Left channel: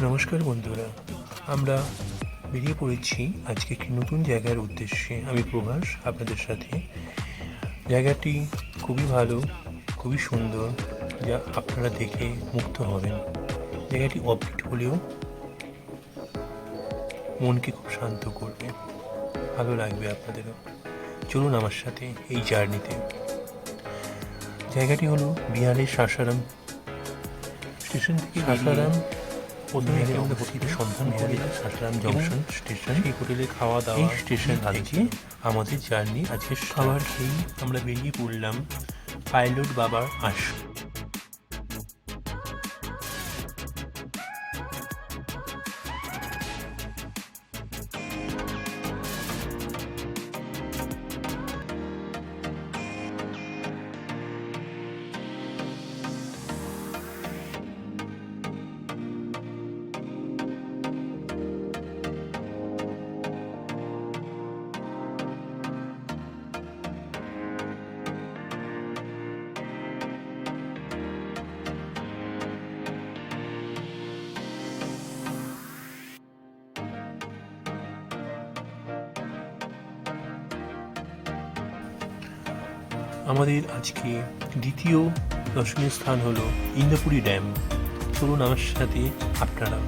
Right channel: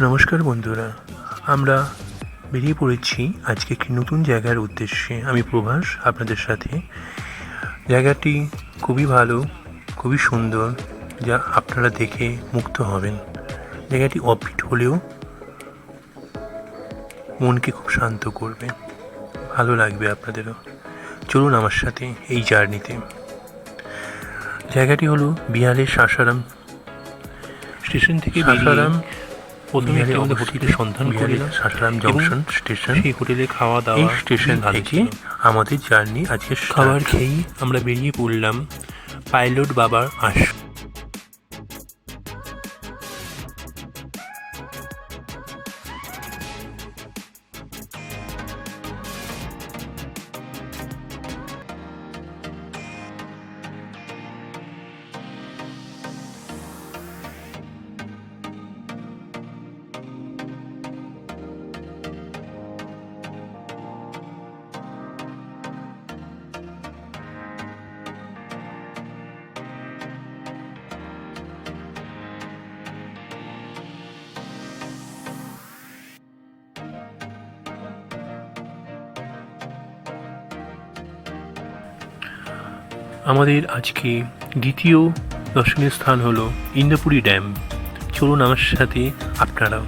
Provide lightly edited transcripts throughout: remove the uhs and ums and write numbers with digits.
নমস্কার বন্ধুরা, আমরা বেরিয়ে পড়েছি আজকে একটি নতুন জায়গার উদ্দেশ্যে। আমি প্রভাস আপনাদের সাথে। জায়গাটি খুবই ভালো, খুবই সুন্দর, যা আপনারা দেখে মুগ্ধ হবেন। জায়গাটি অফবিট হলেও মনকে খুব শান্ত করবে, ভালো লাগবে আপনাদেরও। চলুন আমার সাথে এই জার্নিতে। জায়গাটি হলো বিহারের সাসারাম স্টেশন থেকে সাসারাম। প্রথমে একটি আমাদের হোটেলের সন্ধান করলাম, সাসারাম জংশন স্টেশন। সেই হোটেলে খাওয়া দাওয়া, এই স্টেশন থেকে আমাদের জার্নি আজকে খাবার খেয়েই আমরা বেরিয়ে পড়লাম পাইলট বাবার আশ্রম। আমাদের আজকে দ্বিতীয় দর্শনীয় স্থান হলো ইন্দ্রপুরী ড্যাম। চলুন আমার সাথে আপনারাও।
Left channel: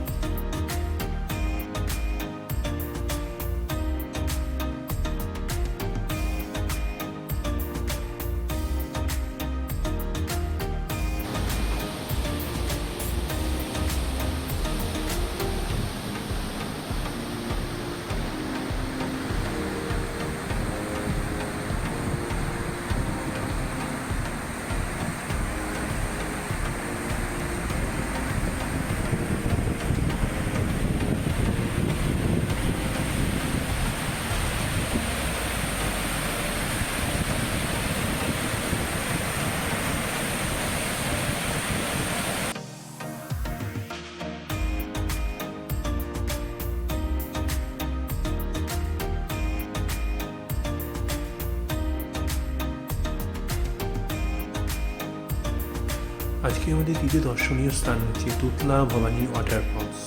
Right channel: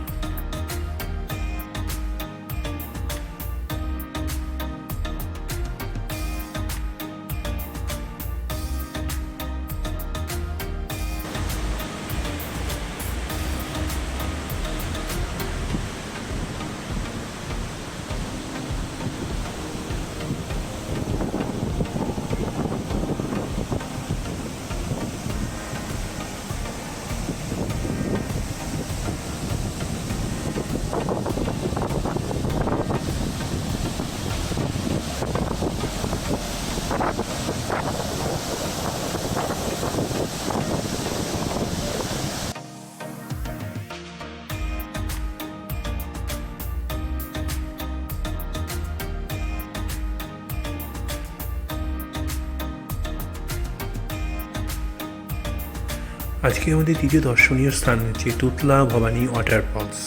আজকে আমাদের দ্বিতীয় দর্শনীয় স্থান হচ্ছে তুতলা ভবানী ওয়াটারফলস।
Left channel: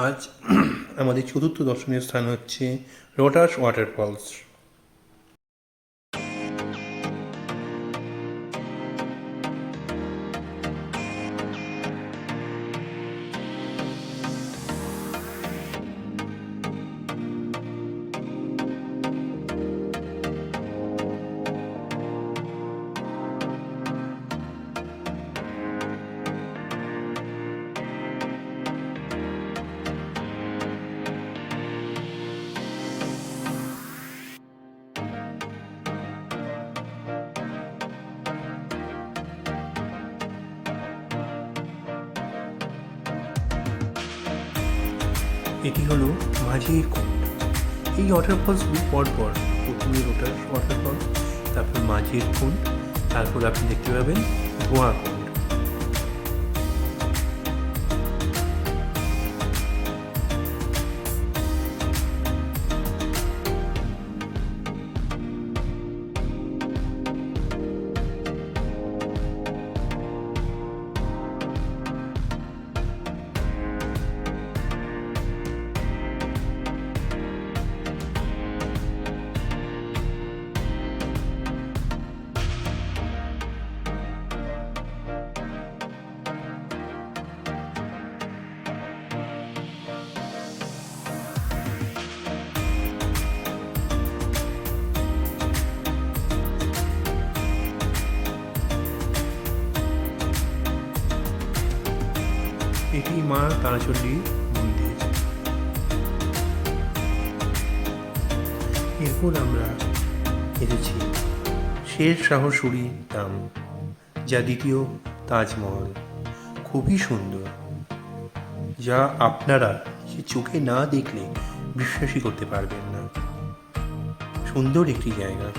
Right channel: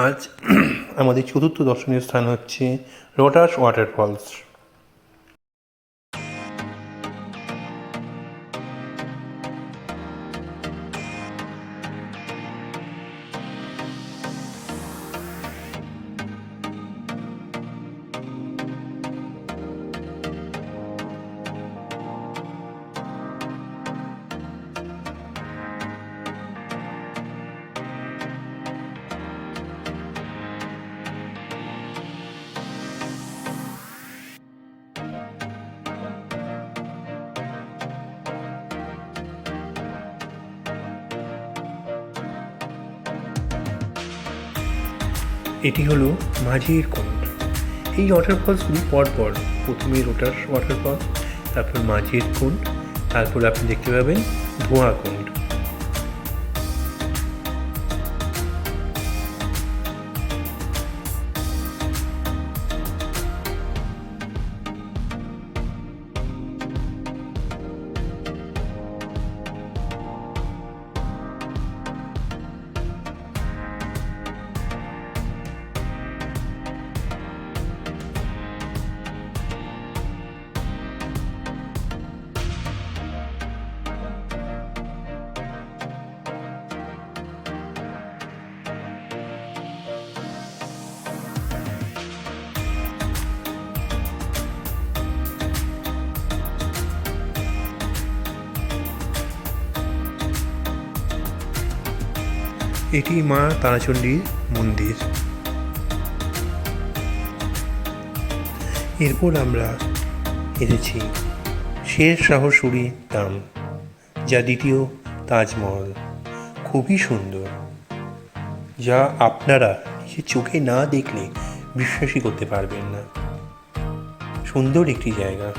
আজ আমাদের চতুর্থ দর্শনীয় স্থান হচ্ছে লোটাস ওয়াটারফলস। এটি হলো মাঝির কুণ্ড। এই ওয়াটারফলসগুলি পরপর, প্রথমে লোটাস ওয়াটারফল, তারপর মাঝির কুণ্ড, তারপর আপনি দেখতে পাবেন ধোঁয়া কুণ্ড। এটি মা তারাচণ্ডীর মন্দির। এরপর আমরা এসেছি শের শাহ সুরি ধাম, যা দ্বিতীয় তাজমহল। খুবই সুন্দর, যা আপনারা নিজের চোখে না দেখলে বিশ্বাসই করতে পারবেন না। সুন্দর একটি জায়গা।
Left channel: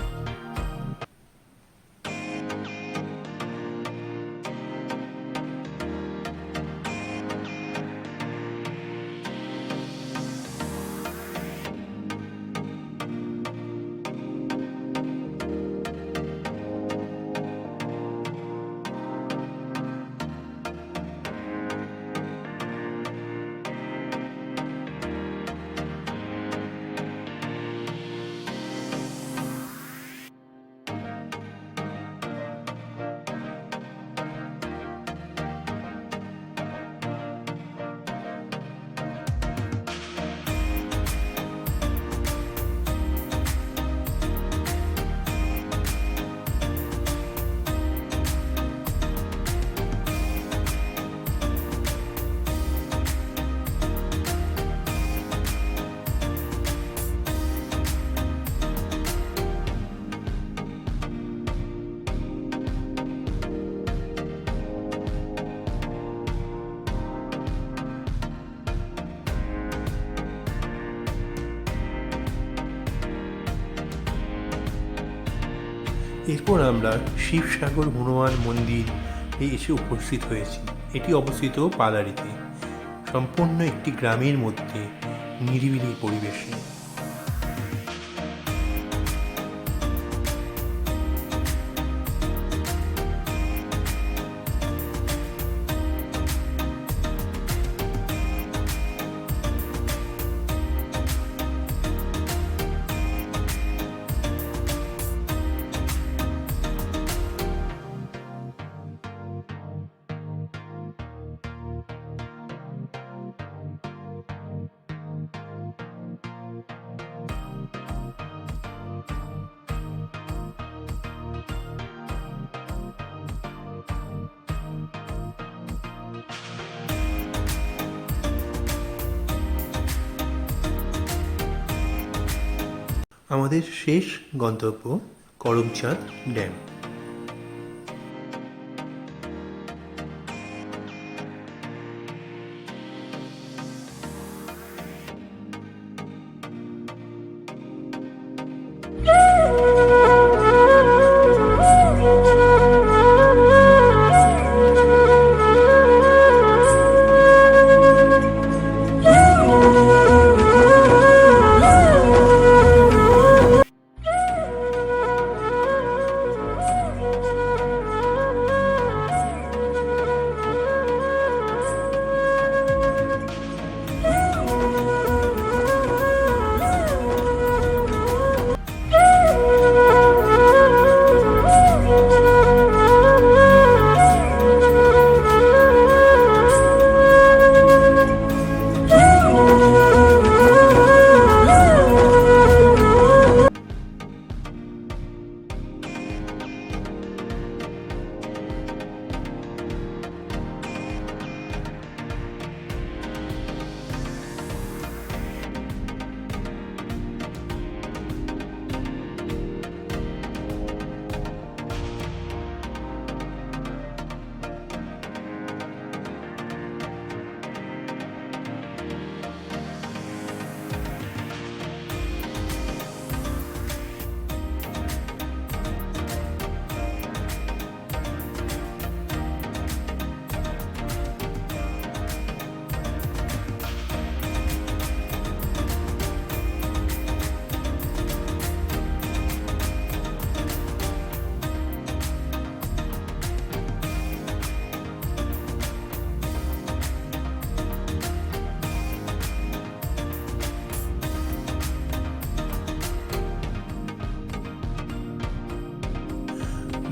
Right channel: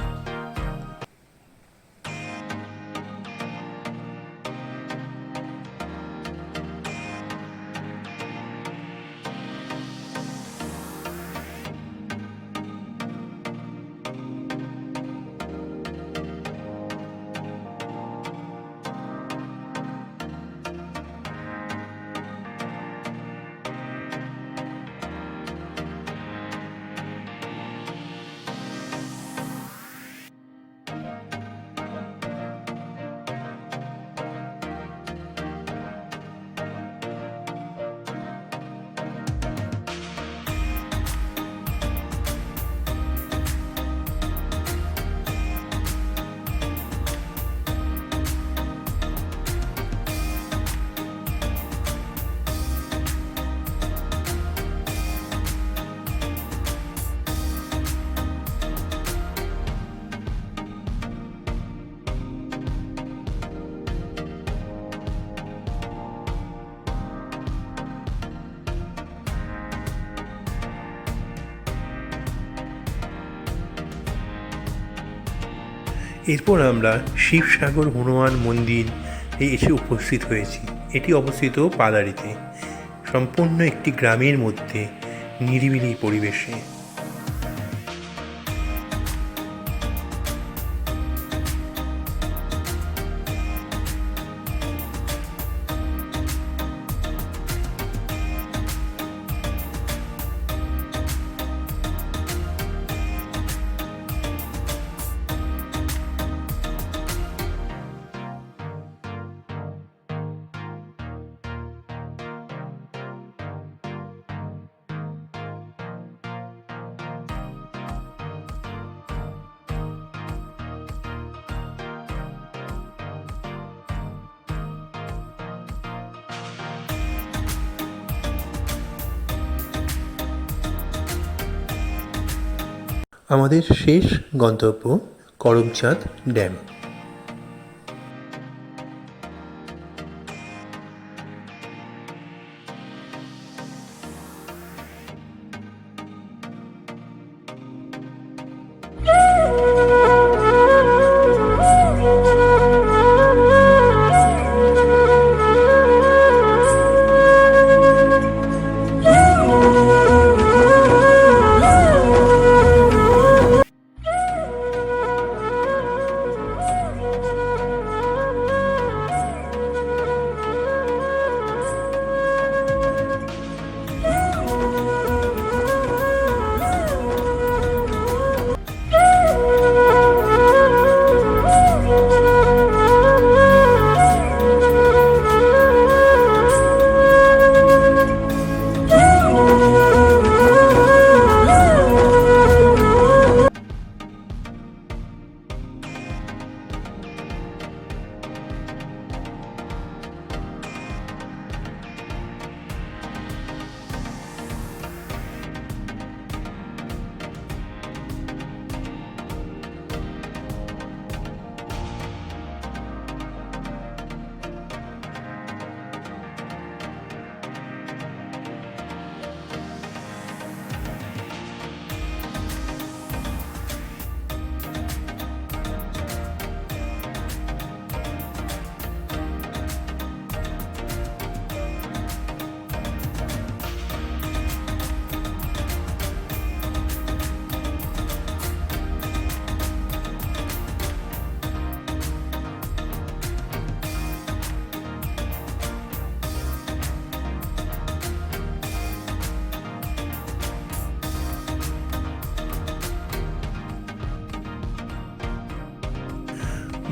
এরপর আমরা শিবসাগর হনুমান মন্দির এসে উপস্থিত হয়েছি। এটি অবস্থিত পাদারিতে, সম্পূর্ণ একটি গ্রামের মধ্যে নিরিবিলি পরিবেশে। আমাদের শেষ গন্তব্য করমচাঁদ ড্যাম।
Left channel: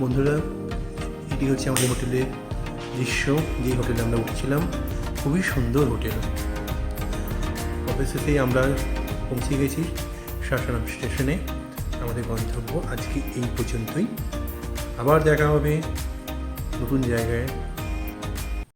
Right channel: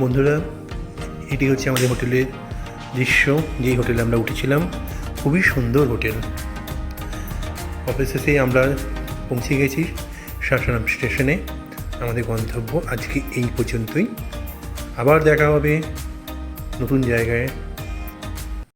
বন্ধুরা, এটি হচ্ছে আমাদের হোটেলের দৃশ্য, যেই হোটেলে আমরা উঠেছিলাম। খুবই সুন্দর হোটেল। অবশেষে আমরা পৌঁছে গেছি সাসারাম স্টেশনে। আমাদের গন্তব্য আজকে এই পর্যন্তই। আবার দেখা হবে নতুন জায়গায়।